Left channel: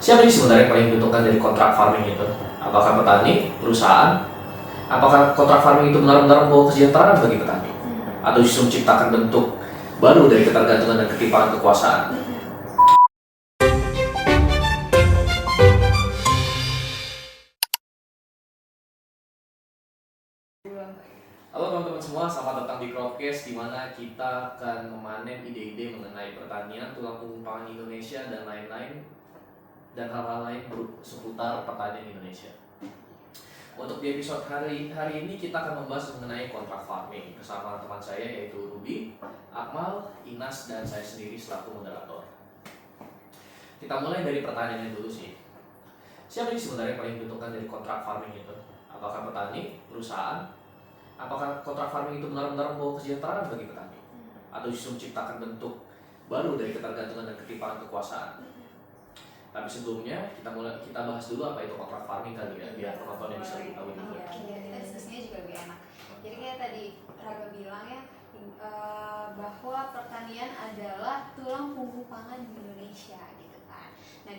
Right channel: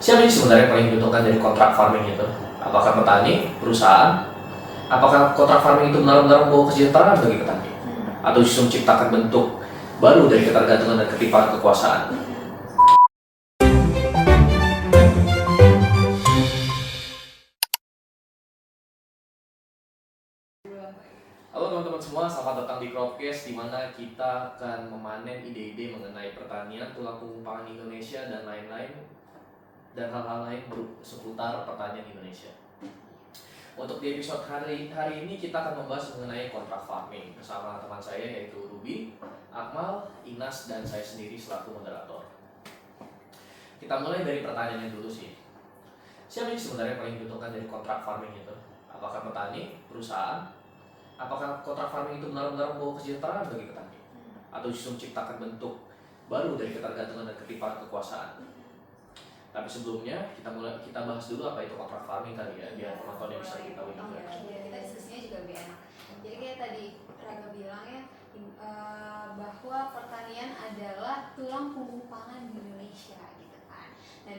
Siapa sih sebenarnya yang paling diuntungkan dari kontrak farming itu? Apakah petani, perusahaan? Apakah kontrak farming itu benar-benar membawa kesejahteraan bagi petani? Atau justru menciptakan bentuk baru dari ketergantungan dan ketimpangan kekuasaan? Halo teman-teman semua, selamat datang di Cropcast, di mana kita akan memanen ide-ide mengenai pertanian, tulang punggung pangan Indonesia, dan lain-lain, dan hal-hal lain seputar pertanian Indonesia. Untuk di episode hari ini kita akan membahas mengenai kontrak farming bersama teman saya yaitu Ruby, Akmal, Inas, dan saya sendiri selaku moderator. Kita mulai dari pertanyaannya dulu sih. Siapa sih sebenarnya yang paling diuntungkan dari kontrak farming itu? Apakah petani, perusahaan? Apakah kontrak farming itu benar-benar membawa kesejahteraan bagi petani? Atau justru menciptakan bentuk baru dari ketergantungan dan ketimpangan kekuasaan? Tapi sebelumnya kita bahas dulu apa itu kontrak farming kali ya, biar penontonnya bisa tahu juga. Iya, kita diskusinya juga lebih enak. Jadi kayak tadi Raga bilang ya, bahwa pertanian adalah tulang punggung pangan di Indonesia gitu kan. Nah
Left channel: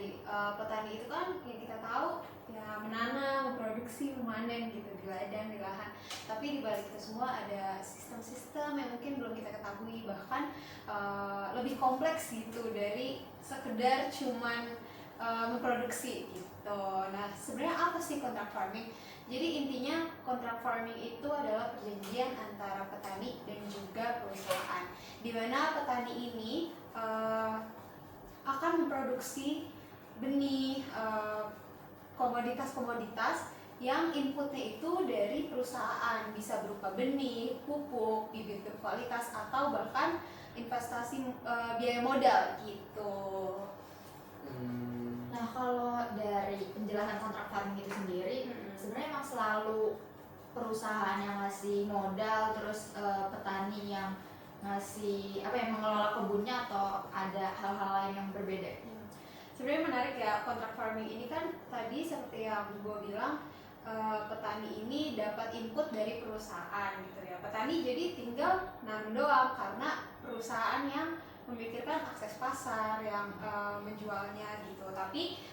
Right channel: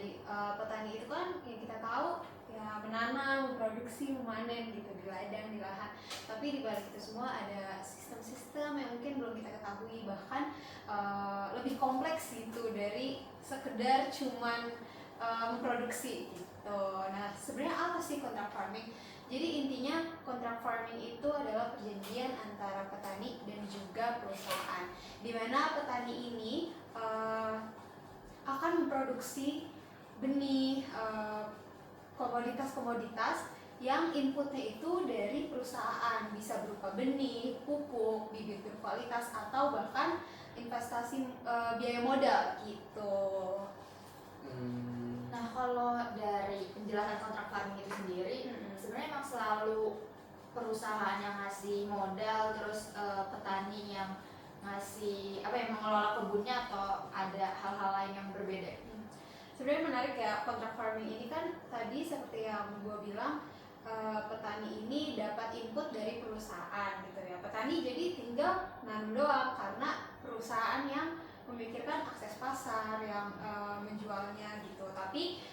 petani itu kan yang kita tahu ya menanam, memproduksi, memanen gitu di ladang, di lahan. Tapi di balik itu semua ada sistem-sistem yang mungkin belum kita ketahui, bahkan lebih kompleks gitu dari sekedar cuman memproduksi gitu. Nah sebenarnya apa sih kontrak farming? Jadi intinya kontrak farming itu adalah perjanjian antara petani dan juga perusahaan, di mana petani ini akan memproduksi benih, komoditas-komoditas yang inputnya itu dari perusahaan, bisa berupa benih, pupuk, bibit berkualitas, atau bahkan investasi biaya modal gitu. Nah kalau dari penjelasan kontrak farming itu sendiri, sebenarnya emang selalu perusahaan yang ngasih modal, terus petani yang ngasih mengelola kebunnya, atau ada hal-hal lain yang berbeda? Sebenarnya menarik ya, kontrak farming ini kan tadi seperti yang gue bilang, petani ini dapat input dari perusahaan gitu ya. Petani jadi tinggal nanam doang karena perusahaan yang memikirkan akses pasar, yang menjualnya gitu. Tapi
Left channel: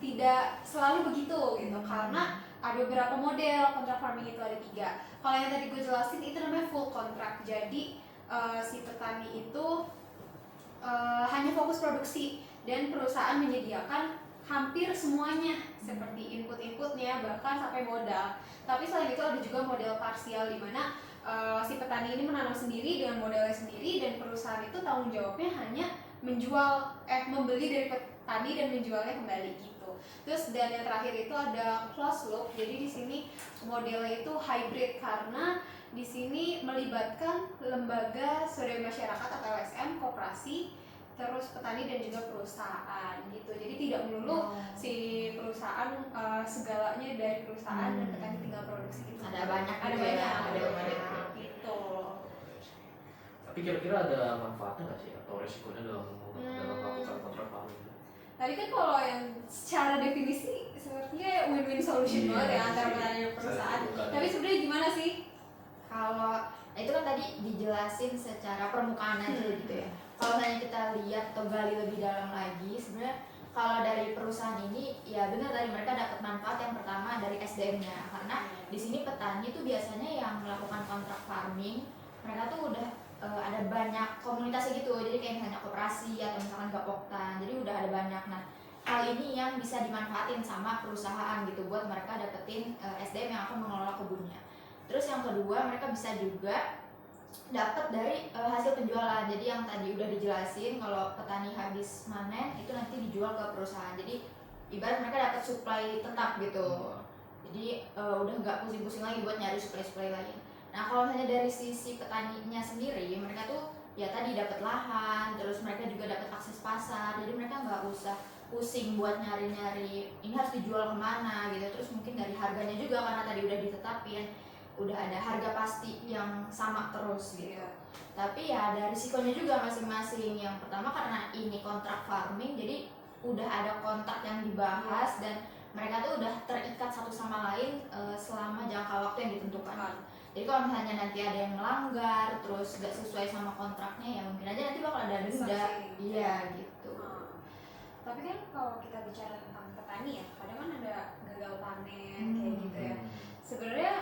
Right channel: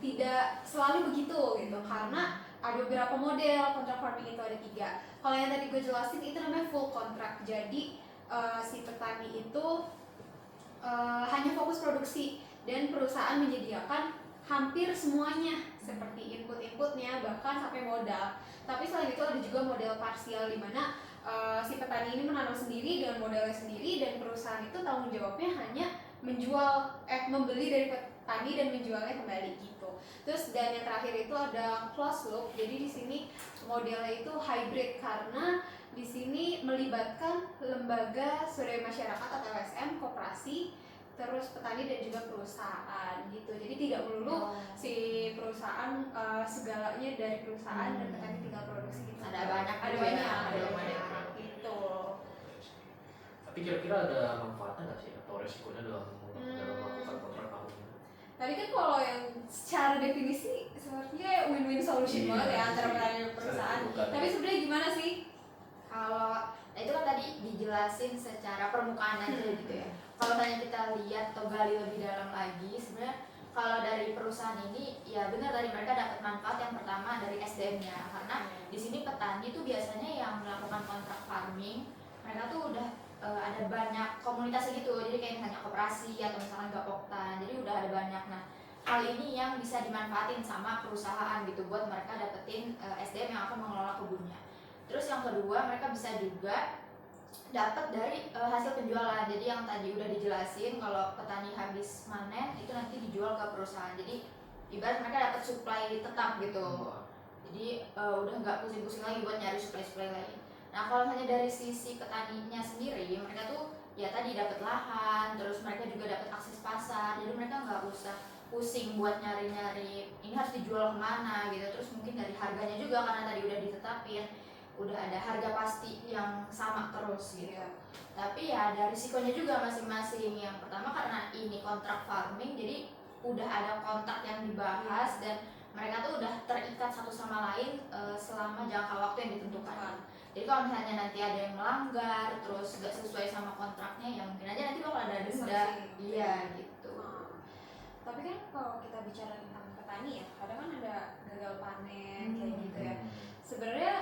tidak selalu begitu gitu, karena ada beberapa model kontrak farming itu, ada 3. Kalau yang tadi gue jelasin itu namanya full kontrak. Jadi si petani itu hanya fokus produksi dan perusahaan menyediakan hampir semuanya seperti input-inputnya, bahkan sampai modal. Tapi selain itu ada juga model parsial, di mana si petani ini menanam sendiri dengan modalnya sendiri, dan perusahaan itu tanggung jawabnya hanya membeli dari petani dan menjualnya kembali gitu. Terus dan yang terakhir itu ada closed loop. Jadi di sini modelnya itu hybrid, karena di sini melibatkan lembaga swadaya masyarakat atau LSM, koperasi, terus petani dan juga perusahaan gitu. Jadi tidak melulu si perusahaan segalanya dari perusahaan dan petani tinggal produksi gitu. Ada banyak gitu. Tapi kira-kira ada manfaatnya nggak sih atau resikonya dalam melakukan kontrak farming? Tadi kan kalau yang secara definisi sepertinya win-win solution banget ya antara petani dan perusahaan. Tapi sebenarnya gimana sih? Kalau itu kan tadi dijelasin secara permukaan aja gitu ya. Kalau misalnya kita lihat atau gali lebih dalam lagi, sebenarnya kalau dari perusahaan ini ya benar, tadi mereka dapat manfaat yang pertama dari SDM-nya, karena di sini petani tuh biasanya yang melakukan kontrak farming, mereka tuh udah ada banyak komunitasnya gitu. Jadi kayak misalnya koperasi atau misalkan Gapoktan, jadi udah ada banyak. Nah hal ini yang bisa dimanfaatin sama perusahaan gitu buat mereka dapetin SDM yang akan mengelola kebunnya. Terus yang kedua, mereka bisa juga dapat dari hasil penjualan. Jadi yang tadi udah dijelasin, kalau petani habis manen itu nanti dijual ke perusahaan. Jadi ibarat mereka dapat supply tetap gitu. Jadi udah nggak pusing-pusing lagi buat nyari supply lain. Nah kalau misalnya dari sisi petaninya sendiri, mereka tuh ya tadi dapat lahan, terus mereka juga dapat akses pasar. Jadi mereka nggak usah pusing buat nyari-nyari ini harus dijual kemana gitu. Terus mungkin dari harganya juga, karena tadi udah ditetapin, udah ada harga pasti yang sama terus gitu. Tapi ya ada risikonya juga masing-masing. Yang pertama karena ini kontrak farming, jadi udah ada kontrak yang dibahas dan mereka tuh udah terikat satu sama lain selama jangka waktu yang ditentukan. Jadi kalau misalnya nanti ada yang melanggar terus gak sesuai sama kontraknya, ya mungkin aja nanti bakal ada denda. Iya gitu. Tapi kan kalau kita bicara tentang petani ya, kadang kan ada gagal panen kayak gitu ya. Sebenarnya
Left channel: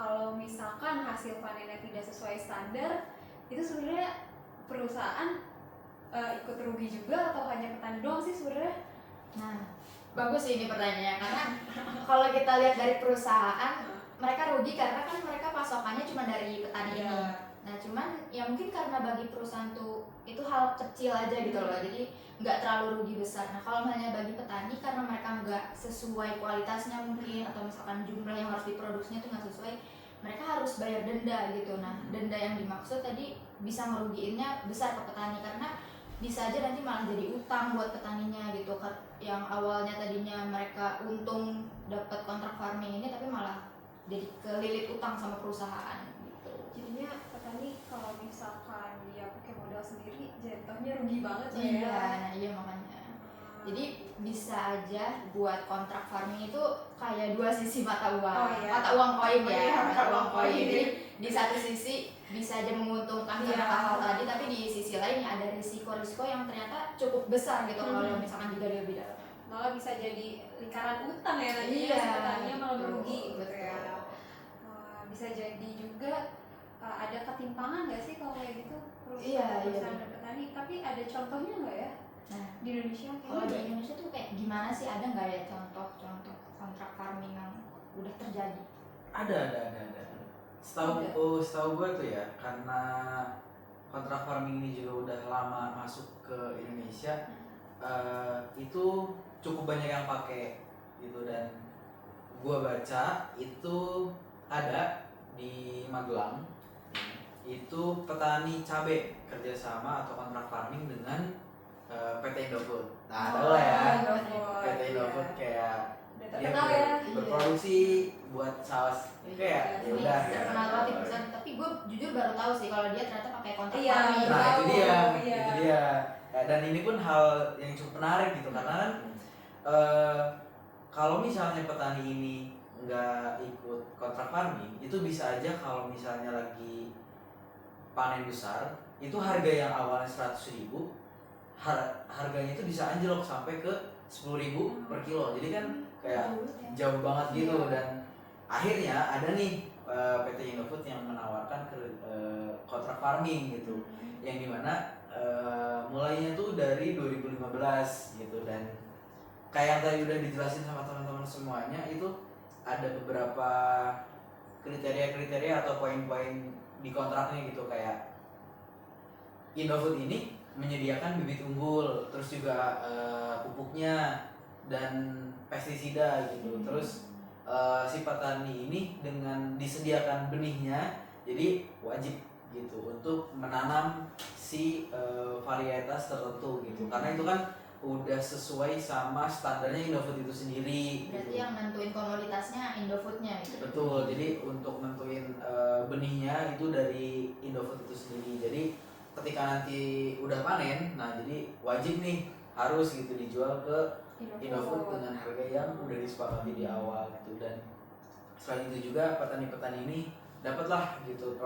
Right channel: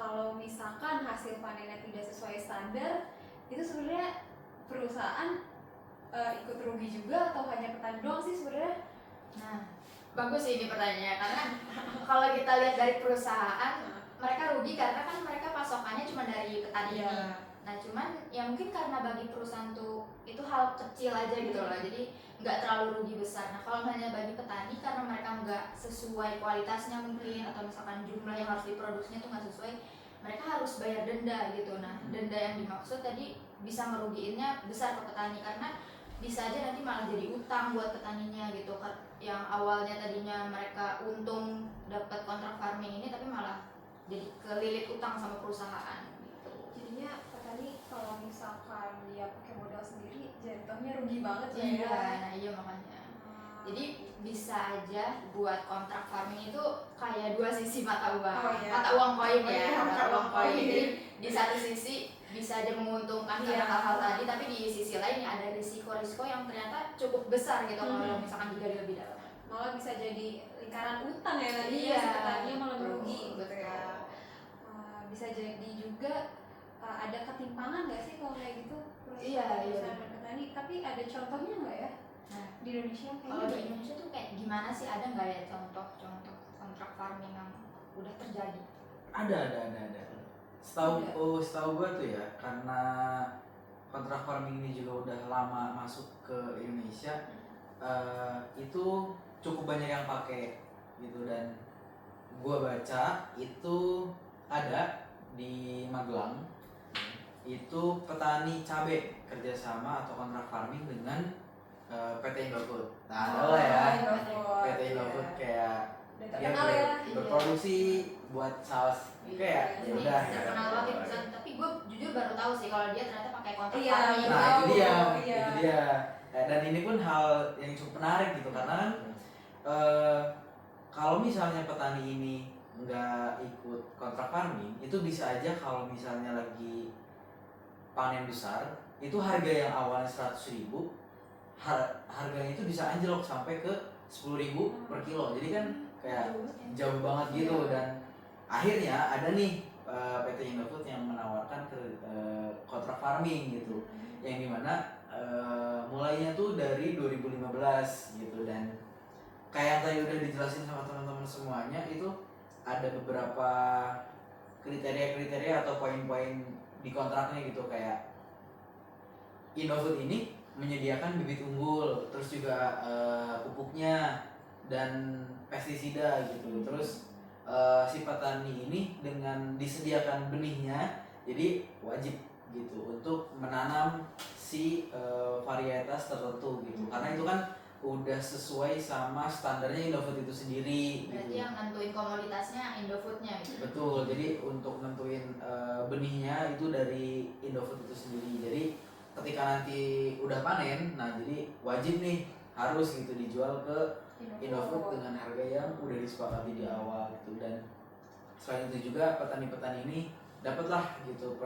kalau misalkan hasil panennya tidak sesuai standar, itu sebenarnya perusahaan ikut rugi juga atau hanya petani doang sih sebenarnya? Nah, bagus sih ini pertanyaannya, karena kalau kita lihat dari perusahaan, mereka rugi karena kan mereka pasokannya cuma dari petani ini. Nah, cuman ya mungkin karena bagi perusahaan tuh itu hal kecil aja gitu loh, jadi nggak terlalu rugi besar. Nah, kalau misalnya bagi petani karena mereka nggak sesuai kualitasnya mungkin, atau misalkan jumlah yang harus diproduksinya tuh nggak sesuai, mereka harus bayar denda gitu. Nah, denda yang dimaksud tadi bisa ngerugiinnya besar ke petani, karena bisa aja nanti malah jadi utang buat petaninya gitu. Yang awalnya tadinya mereka untung dapat kontrak farming ini, tapi malah jadi kelilit utang sama perusahaan gitu. Jadinya petani kalau misalkan dia pakai modal sendiri jatuhnya rugi banget ya. Iya, nah iya makanya. Jadi bisa aja buat kontrak farming itu kayak dua sisi mata uang. Oh, iya. Mata uang koin Oh, ya, iya, mata uang koin. koin. Jadi di satu sisi bisa aja menguntungkan karena Iya. hal-hal tadi, tapi di sisi lain ada risiko-risiko yang ternyata cukup besar gitu kalau misalkan digali lebih dalam. Malah bisa jadi lingkaran utang ya nanti Iya. si petaninya malah merugi gitu Betul. ya. Bisa jadi juga ada ketimpangan nggak sih kalau kayak gitu Iya, perusahaan dan petani? Tapi ada contohnya nggak ya Nah, di Indonesia? kalau di Indonesia tuh kayak gimana sih, ada nggak ya contoh-contoh kontrak farming yang udah terjadi? Ada. Setahu gue tuh ya, karena kontrak farming ini juga udah lama masuk ke Indonesia, itu cukup banyak yang pakai gitu. Dan gue baca itu ada di Magelang, itu petani cabai kerjasama atau kontrak farming dengan PT Indofood. Nah, ada lah ya, PT Indofood kayak Udah dia terkenal ya. berproduksi buat saus, kayak ya Ini udah ya. terkenal banget di perusahaan, tapi gue jujur baru tahu sih kalau dia ternyata pakai kontrak Iya, farming. Nah Tahu, itu dia, iya. itu dia. Dan ini pun hal yang cukup menarik gitu, karena kan kalau misalnya petani ini nggak ikut kontrak farming, itu bisa aja kalau misalnya lagi panen besar, itu harga yang awalnya 100.000, harganya itu bisa anjlok sampai ke 10.000 per kilo. Jadi kan kayak jauh banget gitu. Iya. Dan akhirnya ada nih PT Indofood yang menawarkan kontrak farming gitu, yang dimana mulainya tuh dari 2015 gitu. Dan kayak yang tadi udah dijelasin sama teman-teman semuanya, itu ada beberapa kriteria atau poin-poin di kontraknya gitu. Kayak Indofood ini menyediakan bibit unggul, terus juga pupuknya dan pestisida gitu. Terus si petani ini dengan disediakan benihnya, jadi wajib gitu untuk menanam si varietas tertentu gitu. Karena itu kan udah sesuai sama standarnya Indofood itu sendiri. Berarti gitu. yang nentuin komoditasnya Indofoodnya gitu. Betul. Jadi untuk nentuin benihnya itu dari Indofood itu sendiri. Jadi ketika nanti udah panen, nah jadi wajib nih harus gitu dijual ke Indofood dengan harga yang udah disepakati di awal gitu. Dan selain itu juga petani-petani ini dapatlah gitu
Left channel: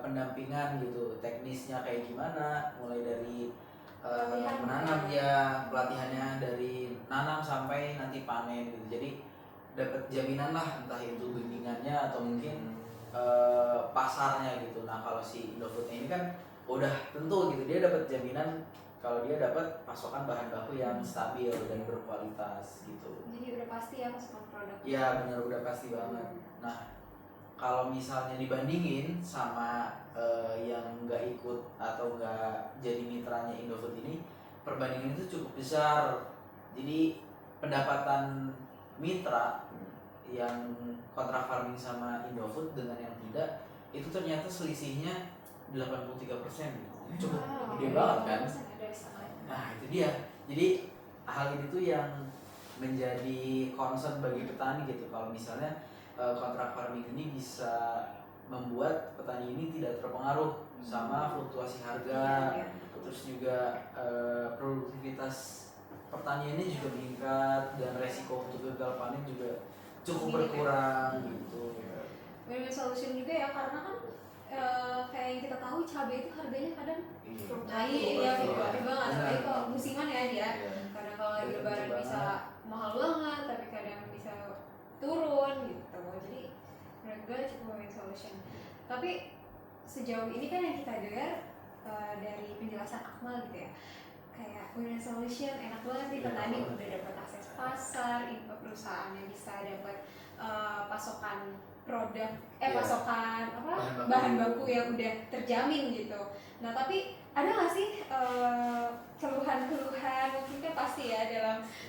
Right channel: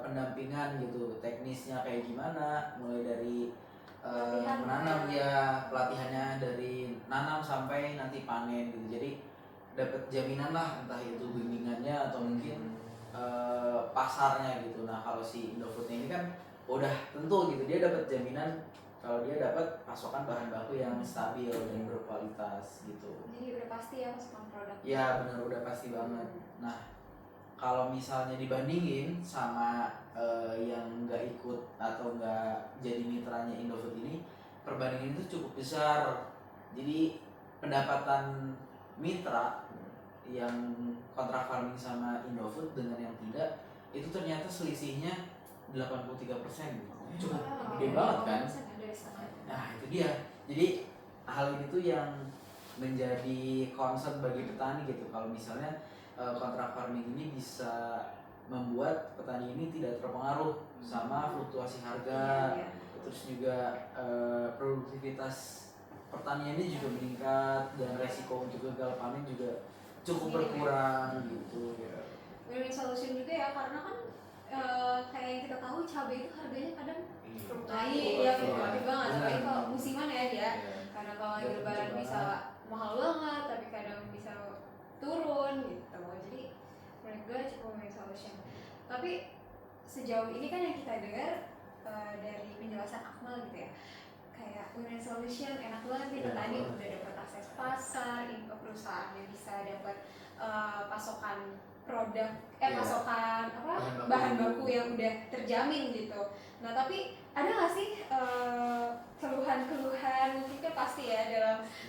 pendampingan gitu, teknisnya kayak gimana, mulai dari menanam ya, pelatihannya dari nanam sampai nanti panen gitu. Jadi dapat jaminan lah, entah itu bimbingannya atau mungkin pasarnya gitu. Nah kalau si Indofoodnya ini kan udah tentu gitu, dia dapat jaminan kalau dia dapat pasokan bahan baku yang stabil dan berkualitas gitu. Jadi udah pasti ya pasokan produk. Iya benar, udah pasti banget. Nah kalau misalnya dibandingin sama yang nggak ikut atau nggak jadi mitranya Indofood ini, perbandingan itu cukup besar. Jadi pendapatan mitra yang kontrak farming sama Indofood dengan yang tidak, itu ternyata selisihnya 83%. Cukup gede banget kan. Nah itu dia. Jadi hal itu tuh yang menjadi concern bagi petani gitu. Kalau misalnya kontrak farming ini bisa membuat petani ini tidak terpengaruh sama fluktuasi harga, terus juga produktivitas pertaniannya juga meningkat, dan resiko untuk gagal panen juga cukup berkurang gitu. Win-win solution juga ya, karena kan kayak yang kita tahu cabai itu harganya kadang Fluktuatif. iya fluktuatif banget, apalagi kalau musiman ya dia. kadang kalau lagi Udah lebaran kenceng bisa mahal banget tapi kadang bisa turun gitu. Jadi menurut gue cukup win solution. Tapi sejauh ini kan yang kita dengar dari penjelasan Akmal gitu ya, kayak win solution enak banget nih, Iya, petani enak udah dapat akses pasar, perusahaannya bisa dapat pasokan produk, Iya. pasokan apa Bahan baku. bahan baku yang udah terjamin gitu. Nah tapi ada nggak sih keluhan-keluhan, mungkin kan pasti ya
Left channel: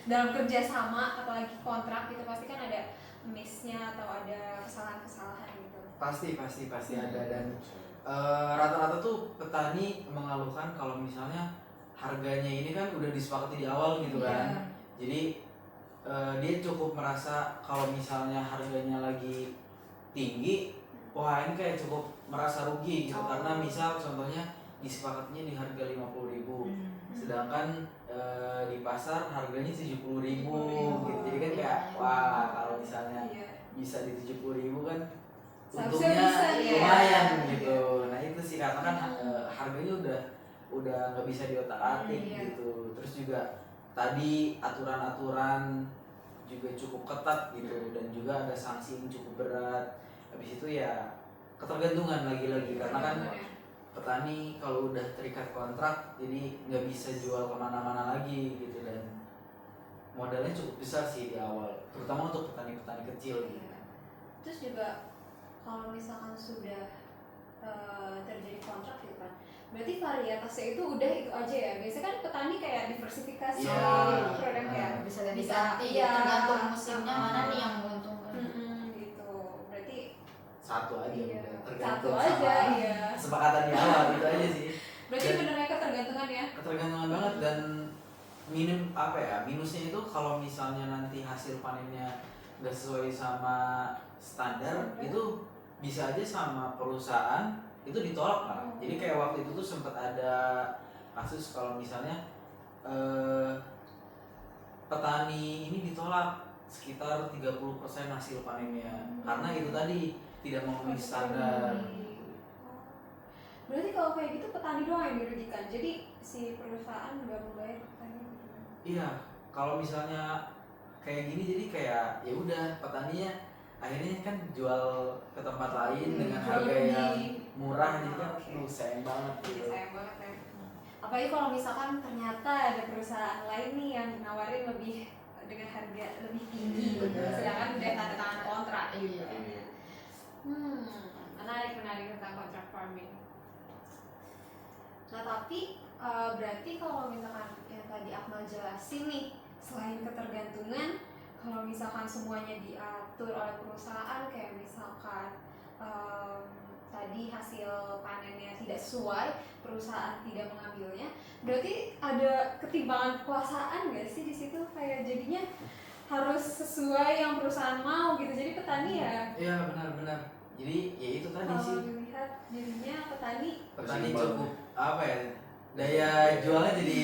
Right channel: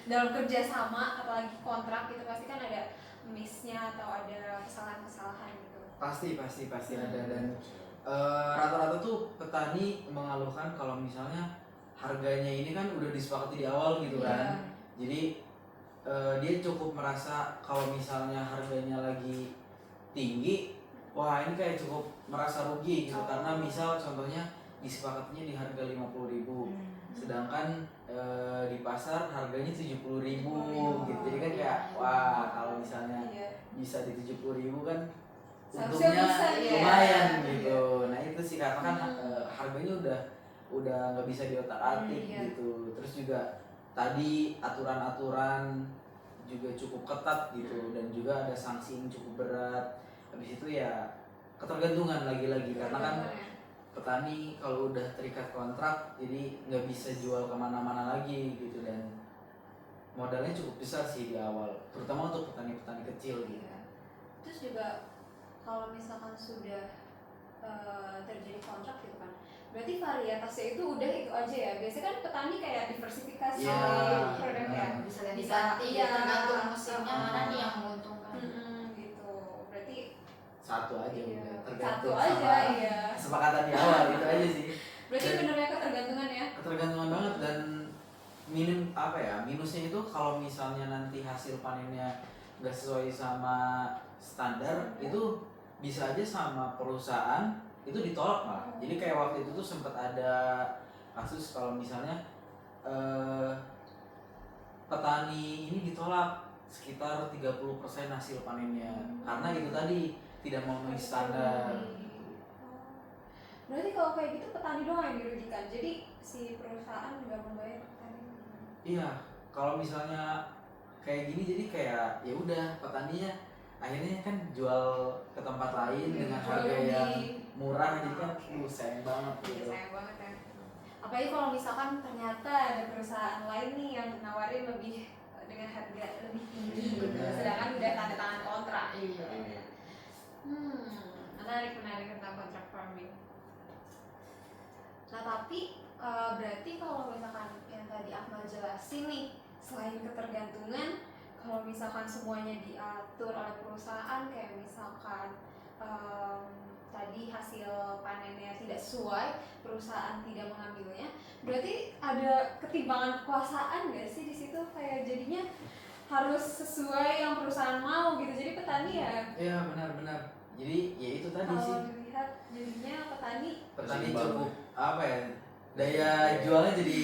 dalam kerjasama apalagi kontrak gitu pasti kan ada miss-nya atau ada kesalahan-kesalahan gitu. Pasti ada. Dan rata-rata tuh petani mengeluhkan kalau misalnya harganya ini kan udah disepakati di awal gitu kan. Jadi dia cukup merasa kalau misalnya harganya lagi tinggi, wah ini kayak cukup merasa rugi gitu. Karena misal contohnya disepakatinya di harga 50.000, sedangkan di pasar harganya 70.000 gitu. Jadi kan kayak wah kalau misalnya bisa di 70.000 kan Seharusnya untungnya bisa, ya. lumayan gitu. Nah itu sih karena kan harganya udah nggak bisa diotak-atik Iya. gitu. Terus juga tadi aturan-aturan juga cukup ketat gitu, dan juga ada sanksi yang cukup berat. Habis itu ya ketergantungan lagi-lagi karena kan petani kalau udah terikat kontrak jadi nggak bisa jual kemana-mana lagi gitu, dan modalnya cukup besar sih di awal, terutama untuk petani-petani kecil gitu. Terus juga kalau misalkan sudah terjadi kontrak gitu kan, berarti varietasnya itu udah itu aja ya. Biasanya kan petani kayak diversifikasi Iya. produknya. bisa ganti-ganti Iya. tergantung musimnya mana nih yang menguntungkan. Gitu. Berarti Satu aja iya, udah, satu tergantung aja sama ya. kesepakatan di awal itu aja sih. Berarti benernya ketergantungan ya. Ketergantungan banget. Dan minusnya itu kalau misalnya nanti hasil panennya nggak sesuai sama standar, itu bisa aja sama perusahaan itu ditolak lah. Jadi kayak waktu itu tuh sempat ada kasus kalau misalnya petani ini ditolak sekitar 30% hasil panennya karena itu tadi tidak memenuhi standar. Berarti kalau kayak gitu petani doang yang dirugikan. Jadi si perusahaan nggak membayar petani. Iya, kalau misalnya kayak gini jadi kayak ya udah petaninya akhirnya kan jual ke tempat lain dengan Jual harga rugi. yang murah, jadi kan sayang banget Iya, gitu. sayang banget kan. Apalagi kalau misalkan ternyata ada perusahaan lain nih yang nawarin lebih dengan harga lebih tinggi, Benar. sedangkan udah tanda tangan kontrak. Iya. Menarik tentang kontrak farming. Nah tapi berarti kalau misalkan yang tadi Akmal jelasin nih, selain ketergantungan, kalau misalkan semuanya diatur oleh perusahaan, kayak misalkan tadi hasil panennya tidak sesuai, perusahaan tidak mengambilnya, berarti ada ketimpangan kekuasaan nggak sih di situ? Kayak jadinya harus sesuai yang perusahaan mau gitu. Jadi petani ya Iya benar. Jadi ya itu tadi kalau sih, dilihat jadinya petani petani Seimbang. cukup apa ya, daya jualnya jadi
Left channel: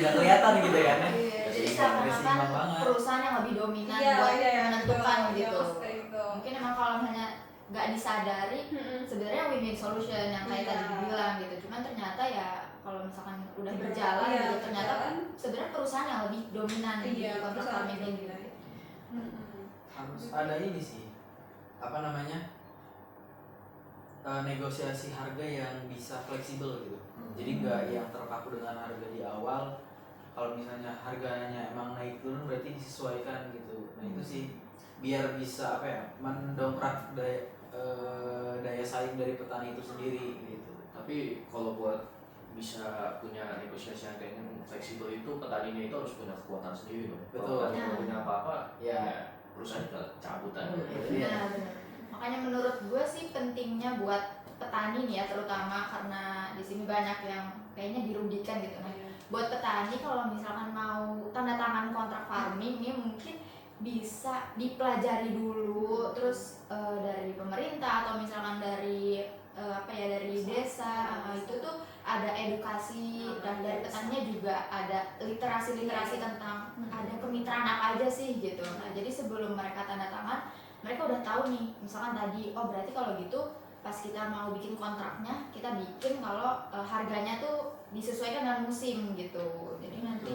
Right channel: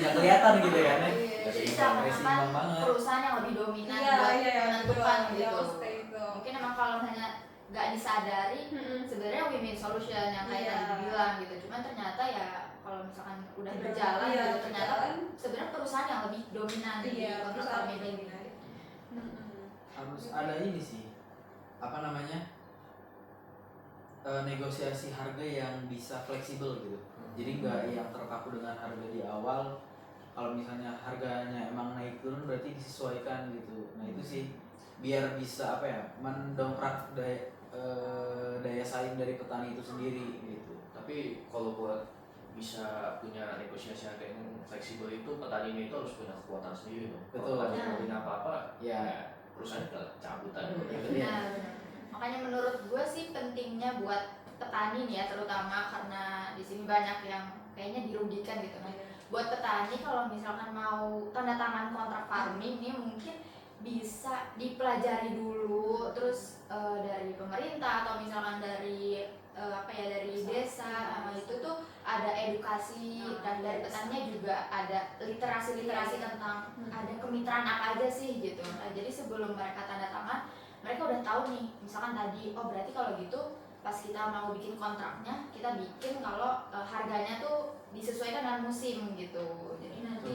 nggak kelihatan gitu kan ya. Jadi Seimbang seakan-akan banget. perusahaan yang lebih dominan Iya, buat iya, menentukan betul. gitu. Iya, maksudnya itu. Mungkin emang kalau misalnya nggak disadari sebenarnya win-win solution yang kayak Iya. tadi dibilang gitu. Cuman ternyata ya kalau misalkan udah berjalan Iya, gitu ternyata berjalan. sebenarnya perusahaan yang lebih dominan di Iya, kontrak perusahaan farming yang gitu. Harus ada ini sih, apa namanya, negosiasi harga yang bisa fleksibel gitu. Jadi nggak yang terpaku dengan harga di awal. Kalau misalnya harganya emang naik turun berarti disesuaikan gitu. Nah itu sih biar bisa apa ya, mendongkrak daya saing dari petani itu sendiri gitu. Tapi kalau buat bisa punya negosiasi yang kayak fleksibel itu, petaninya itu harus punya kekuatan sendiri dong. Betul. Kalau petani punya apa-apa, Ya. perusahaan tinggal cabutan. Iya. Nah, benar. Makanya menurut gue sih pentingnya buat petani nih ya, terutama karena di sini banyak yang kayaknya dirugikan gitu. Nah, buat petani kalau misalkan mau tanda tangan kontrak farming ini mungkin bisa dipelajari dulu, terus dari pemerintah atau misalkan dari dari desa itu tuh ada edukasi, dan dari petaninya juga ada literasi tentang ada kemitraan apa aja sih gitu. Nah jadi sebelum mereka tanda tangan mereka udah tahu nih, misalkan tadi oh berarti kalau gitu pas kita mau bikin kontraknya kita bikin kalau harganya tuh disesuaikan dengan musim gitu. Jadi nanti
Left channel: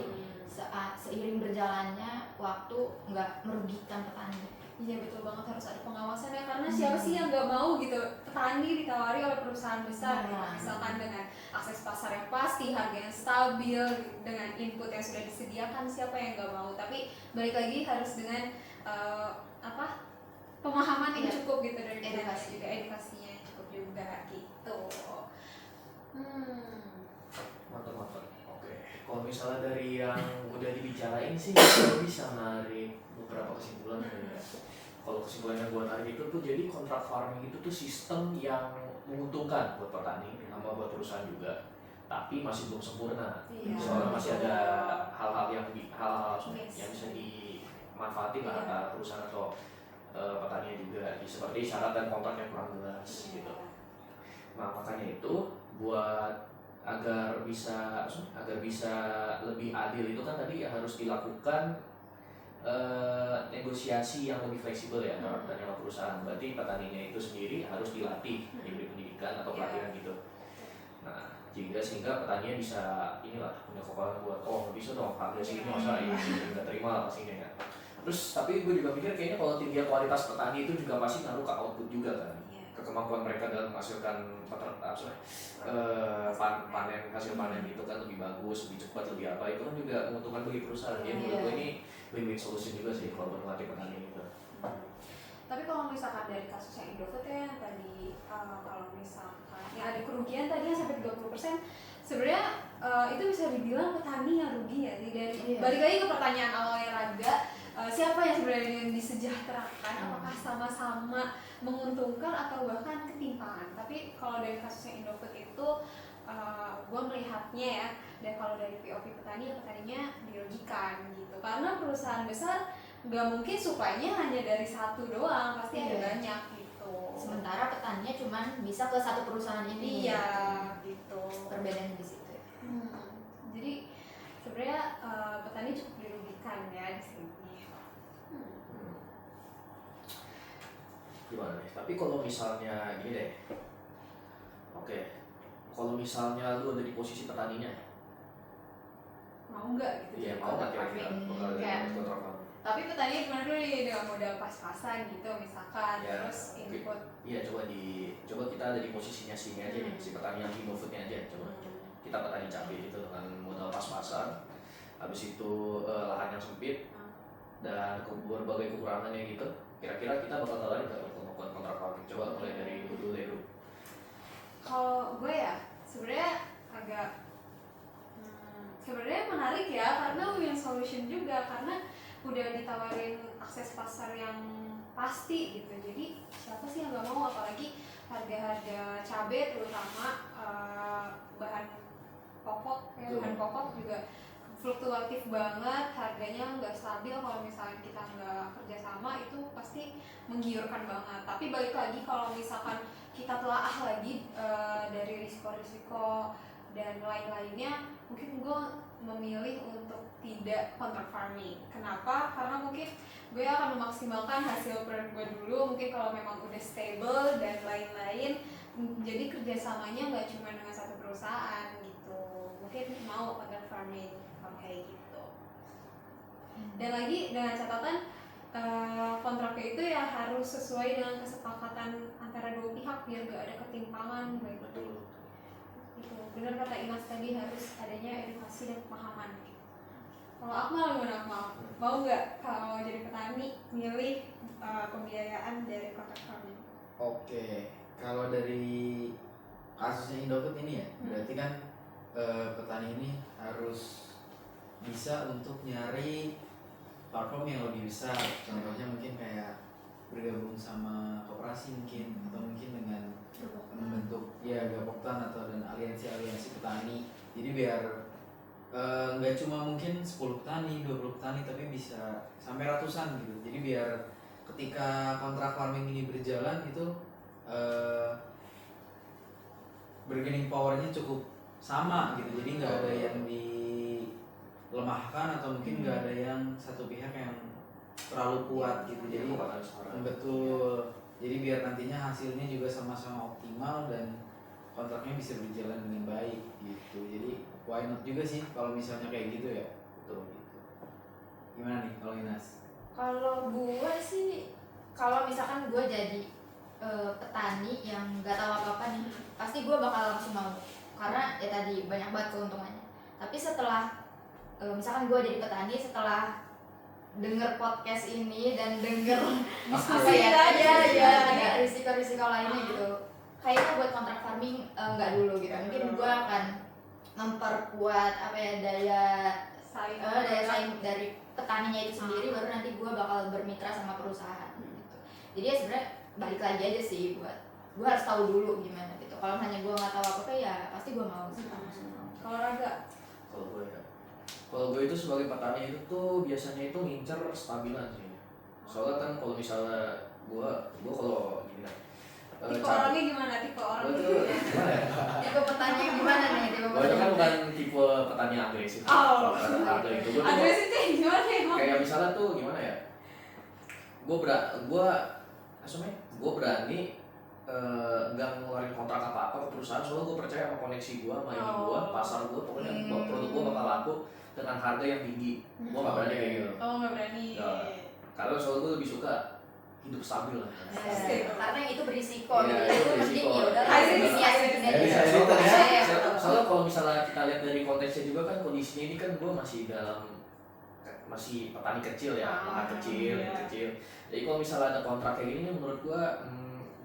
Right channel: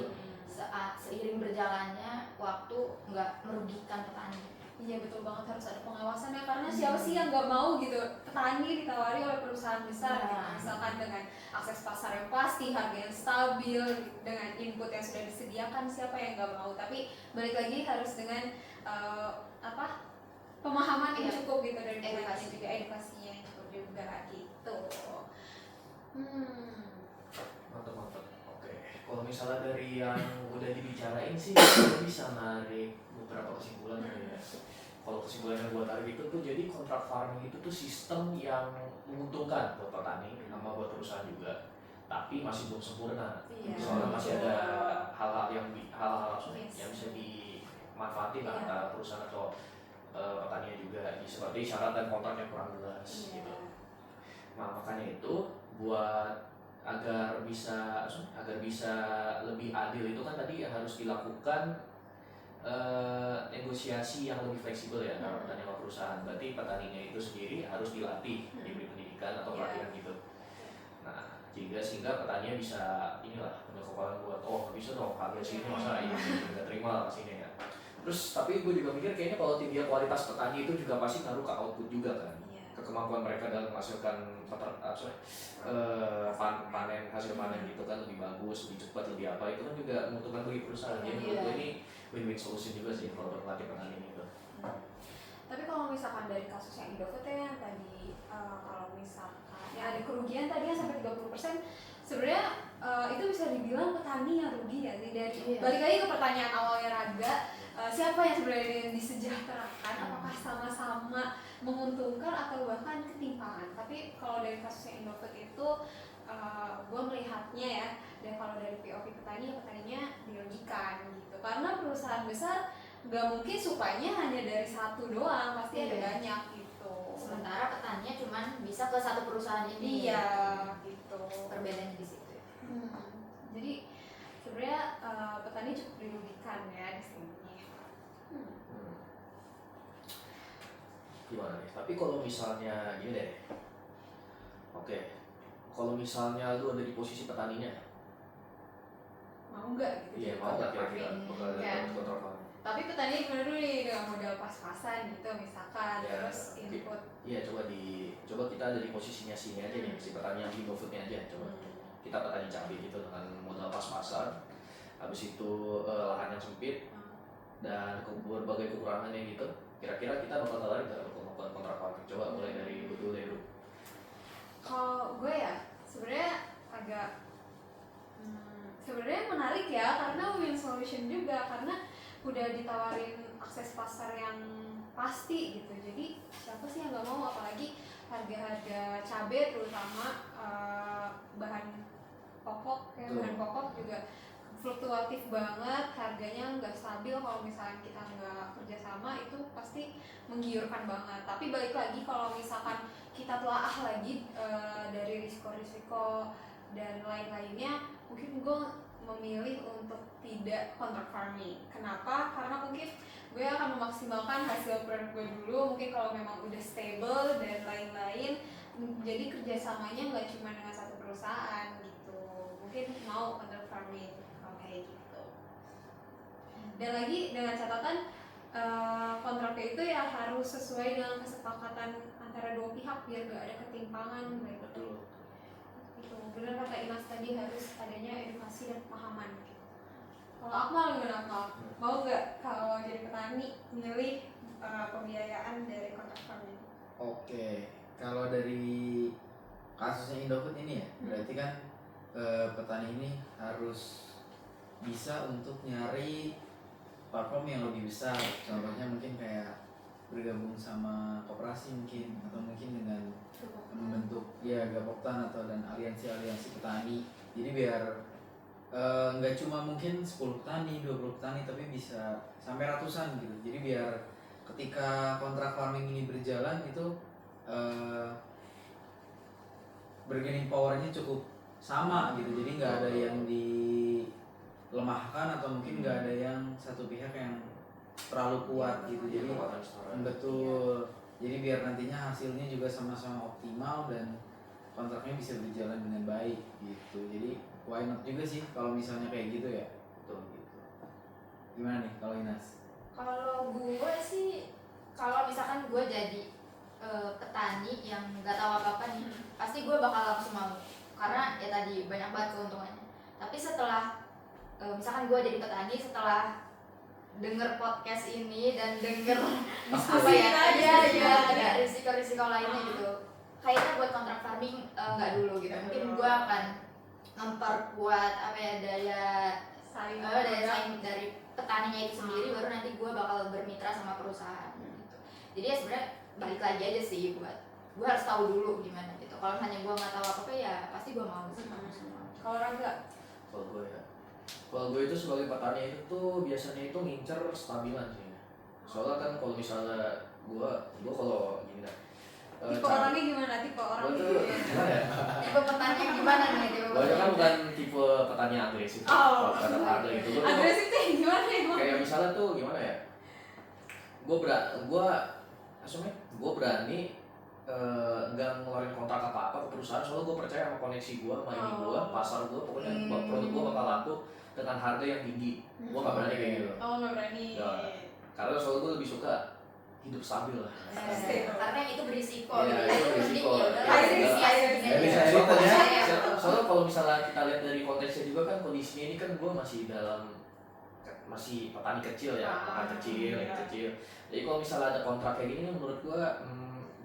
seiring berjalannya waktu nggak merugikan petani. Iya betul banget, harus ada pengawasannya karena siapa sih yang nggak mau gitu petani ditawari oleh perusahaan besar gitu. Misalkan dengan akses pasar yang pasti, harga yang stabil, dengan input yang sudah disediakan, siapa yang nggak mau. Tapi balik lagi harus dengan pemahaman yang cukup gitu dari petani, juga edukasinya yang cukup juga gitu. Mantap. Oke, kalau misalnya dari yang udah dibicarain sih, gue bisa narik beberapa kesimpulan ya. Kalau kesimpulan yang gue tarik itu tuh, jadi kontrak farming itu tuh sistem yang menguntungkan buat petani sama buat perusahaan juga, tapi masih belum sempurna. Iya. Soalnya masih ada hal-hal yang Yes. yang bisa dimanfaatin lah antara perusahaan atau petani juga, seperti syarat dan kontrak yang kurang jelas gitu. Nah makanya itu buat agar bisa lebih adil itu kan tadi harus dilakukan negosiasi yang lebih fleksibel ya antara petani sama perusahaan. Berarti petaninya itu sendiri harus dilatih, diberi pendidikan atau pelatihan gitu. Nah sehingga petaninya bisa punya kekuatan buat nggak bisa dong harga segini masa ini nggak terima lah pastinya ya. Terus tapi gue juga mikir kayaknya kalau tinggi kualitas petani itu juga pasti ngaruh ke output juga kan, ke kemampuan mereka dalam menghasilkan panen, hasil panen itu kan lebih bagus, lebih cepat, lebih apa, itu kan juga menguntungkan bagi perusahaan. Jadi menurut gue ini win-win solution juga sih kalau berlatih petani itu. Tapi kalau misalkan dari kasus yang Indofood ya tadi, kalau misalkan yang ada kerugian tadi yang sampai 30%, sebenarnya itu bisa dibilang petani yang rugi ya sih. Dari balik lagi ke pertanyaan awalnya Raga, siapa yang sebenarnya yang disejahterakan, apakah sama-sama menguntungkan atau bahkan ketimpangan. Tapi kalau dari kasusnya Indofood itu gue melihatnya ya, dan kalau dari POV petaninya dirugikan gitu, karena perusahaan besar nggak mungkin sukanya hanya dari satu doang, pasti ada banyak gitu. Sementara petaninya cuman bisa ke satu perusahaan ini. Iya gitu. Perbedaannya di situ ya. Jadi sebenarnya petani cukup dirugikan ya di sini. Gimana nih? Tapi kalau misalnya gini deh, kalau misalnya lu ada di posisi petaninya, mau nggak gitu? Iya mau nggak kira-kira bakal dapat kontrak farming? Tapi petani gimana dulu nih dengan modal pas-pasan gitu misalkan, Ya, terus input. Iya coba kita ada di posisinya sini aja nih, si petani yang Indofoodnya aja. Coba kita petani cabai gitu dengan modal pas-pasan, habis itu lahan yang sempit dan berbagai kekurangannya gitu. Kira-kira kita bakal tertarik nggak untuk melakukan kontrak farming? Coba mulai dari dulu deh. Kalau gue ya sebenarnya agak sebenarnya menarik ya, karena win solution juga, karena udah ditawarin akses pasar yang pasti gitu. Jadi siapa sih yang nggak mau, apalagi harga-harga cabai terutama bahan pokok ya, bahan pokok juga fluktuatif banget, harganya nggak stabil. Kalau misalnya kita nggak kerjasama itu pasti menggiurkan banget. Tapi balik lagi kalau misalkan kita telaah lagi dari risiko-risiko dan lain-lainnya, mungkin gue memilih untuk tidak kontrak farming. Kenapa? Karena mungkin gue akan memaksimalkan hasil produk gue dulu. Mungkin kalau memang udah stable dan lain-lain, jadi kerjasamanya nggak cuma dengan satu perusahaan gitu. Mungkin mau kontrak farming kayak gitu. Dan lagi dengan catatan kontraknya itu ya harus sesuai dengan kesepakatan antara dua pihak biar gak ada ketimpangan. Betul. Gitu. Benar kata Imas tadi, harus adanya edukasi dan pemahaman. Kalau Akmal gimana Akmal? Mau nggak kalau jadi petani milih pembiayaan dari kontrak farming? Oke, kalau dari kasusnya Indofood ini ya, berarti kan petani ini harus bisa untuk nyari platform yang lebih besar. Contohnya mungkin kayak bergabung sama koperasi mungkin, atau mungkin dengan membentuk ya gaboktan atau dan aliansi petani. Jadi biar nggak cuma mungkin 10 petani, 20 petani, tapi bisa sampai ratusan gitu. Jadi biar ketika kontrak farming ini berjalan itu bargaining powernya cukup sama gitu. Jadi nggak ada yang dilemahkan atau mungkin nggak ada yang satu pihak yang terlalu kuat gitu. Jadi betul. Jadi biar nantinya hasilnya juga sama-sama optimal dan kontraknya bisa berjalan dengan baik gitu. Jadi why not juga sih kalau misalnya kayak gitu ya. Betul gitu. Gimana nih kalau Inas? Kalau gue sih, kalau misalkan gue jadi petani yang nggak tahu apa-apa nih, pasti gue bakal langsung mau, karena ya tadi banyak banget keuntungannya. Tapi setelah misalkan gue jadi petani, setelah denger podcast ini dan denger apa ya, ada risiko-risiko lainnya gitu, kayaknya buat kontrak farming nggak dulu gitu. Mungkin gue akan memperkuat apa ya, daya saing dari petaninya itu sendiri, baru nanti gue bakal bermitra sama perusahaan gitu. Jadi ya sebenarnya balik lagi aja sih, buat gue harus tahu dulu gimana gitu. Kalau hanya gue nggak tahu apa-apa ya pasti gue mau sih. Kalau Raga, Kalau gue itu sebagai petani itu tuh biasanya itu ngincer stabilan sih. Soalnya kan kalau misalnya gue kalau gini lah. tipe orangnya gimana? Tipe orang Gue tuh gimana ya? Tipe petani yang gimana nih? Tipe Gue itu kan bukan tipe petani yang agresif. Kalau kata harga itu gue tuh agresifnya gimana ya? kayak misalnya tuh gimana ya? Gue berani nggak ngeluarin kontrak apa-apa ke perusahaan, soalnya gue percaya sama koneksi gue, sama ini gue, pasar gue, pokoknya produk gue bakal laku dengan harga yang tinggi. Gue nggak berani kayak gitu. Oh, nggak berani. Ya, karena soalnya gue lebih suka hidup stabil lah. Karena yang itu berisiko Iya, gitu. itu Itu berisiko. penting ya udah. Jadi soalnya kalau misalnya kita lihat dari konteksnya juga kan, kondisinya ini kan gue masih petani kecil ya, petani kecil. Jadi kalau misalnya ada kontrak kayak gini, menurut gue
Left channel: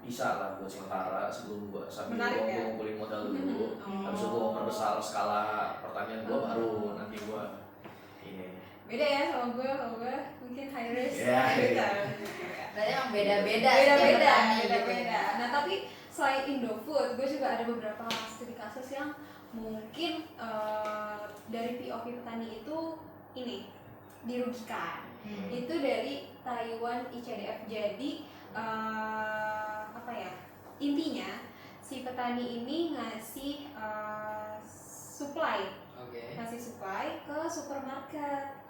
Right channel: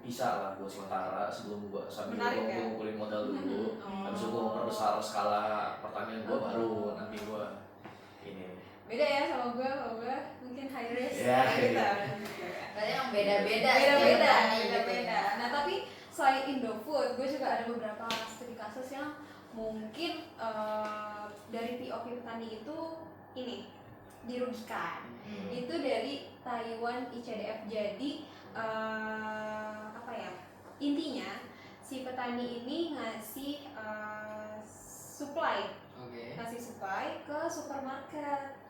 bisa lah buat sementara sebelum gue sambil gue ngumpulin modal dulu. Habis itu gue memperbesar skala pertanian gue, baru nanti gue ini. Beda ya sama gue, kalau gue mungkin high risk. Iya, gitu. Berarti emang beda-beda. Beda. Nah, tapi selain Indofood, gue juga ada beberapa studi kasus yang mungkin dari POV petani itu ini dirugikan. Itu dari Taiwan ICDF. Jadi apa ya, intinya si petani ini ngasih supply ke supermarket.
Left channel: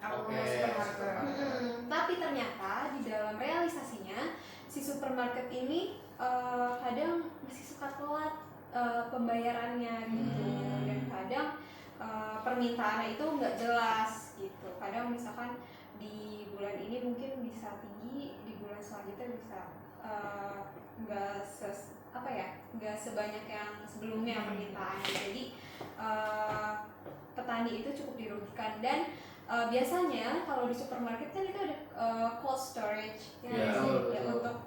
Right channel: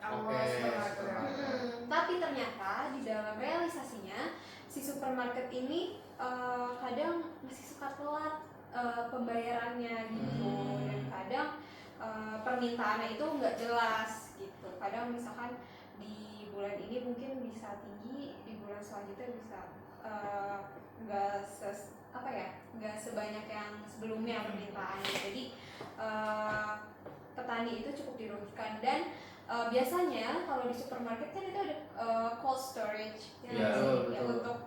Tapi ternyata di dalam realisasinya si supermarket ini kadang masih suka telat pembayarannya gitu, dan kadang permintaannya itu nggak jelas gitu. Kadang misalkan di bulan ini mungkin bisa tinggi, di bulan selanjutnya bisa nggak sebanyak yang sebelumnya permintaannya. Jadi petani itu cukup dirugikan. Dan biasanya kalau di supermarket kan itu ada cold storage ya,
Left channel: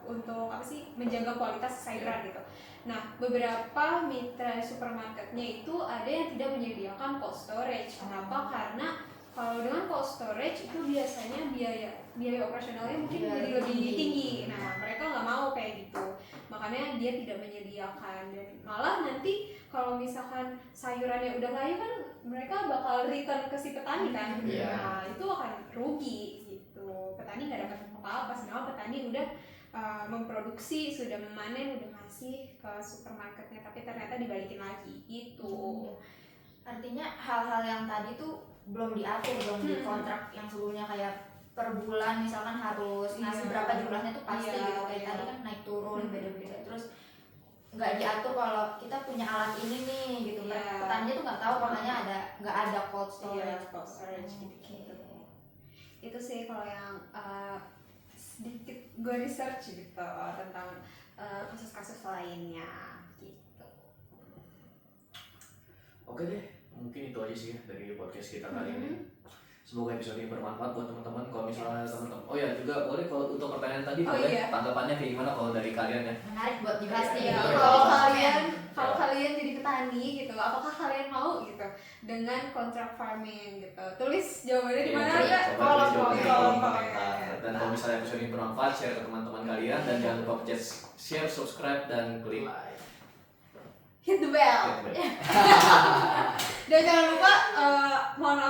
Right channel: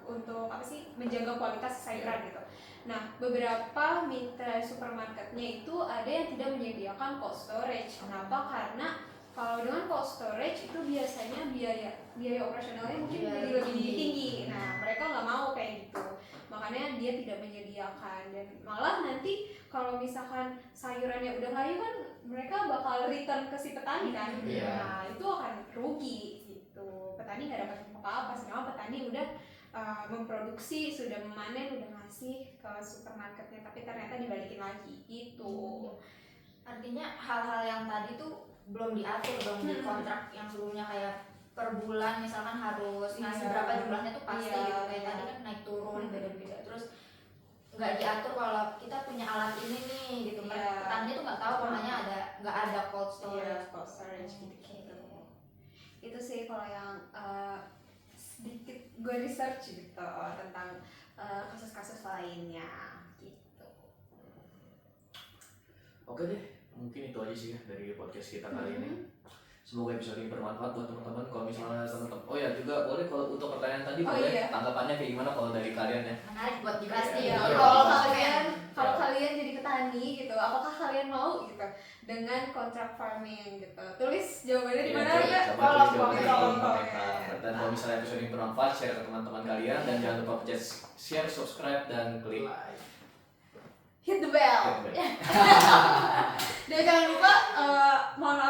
untuk apa sih, menjaga kualitas sayuran gitu. Nah, beberapa mitra supermarketnya itu ada yang tidak menyediakan cold storage. Kenapa? Karena kalau dengan cold storage itu biasanya biaya operasionalnya mungkin lebih tinggi. Nah, mereka nggak mau kayak gitu, makanya dia tidak menyediakan. Dan malah nanti kalau misalkan sayurannya udah layu kan, mereka bakal return ke si petani kan. Nah, itu akan rugi gitu. Petani nggak dapat apa-apa, sedangkan petani udah memproduksi, sudah memanen, udah ngasih ke supermarketnya, tapi ternyata dibalikin lagi gitu. Artinya hal-hal yang tadi tuh belum diatur dong di kontrak yang sebelumnya, kayak per bulan misalkan harus ngasih berapa jumlahnya tuh pasti gitu. Kayak tadi kan naik turun beda-beda. Terus nggak diatur kalau kita punya alat ini nih gitu. Petani tuh nggak tahu kalau hanya nggak ada cold storage. Gitu. Itu sih kalau yang sedikit gue research gitu tentang kasus-kasus lainnya gitu. Oke deh, mungkin itu aja sih ya dari podcast kita kali ini. Semoga episode ini bermanfaat buat teman-teman. Kalau misalnya teman-teman, oh ya juga boleh kalau untuk pertanyaan tadi boleh tanggapannya kayak gimana kalau dari kalian ya. Menarik buat dibahas nih. Kalau kalian jadi petani gitu, apakah kalian mau gitu dengan kontrak farming gitu? Tulis jawabannya di mana ya? Kolom komentar. Dan kalau misalnya episode ini bermanfaat, share ke teman-teman kalian, dan jangan lupa pencet share, subscribe, dan klik hit the bell. Dan jangan lupa mohon maaf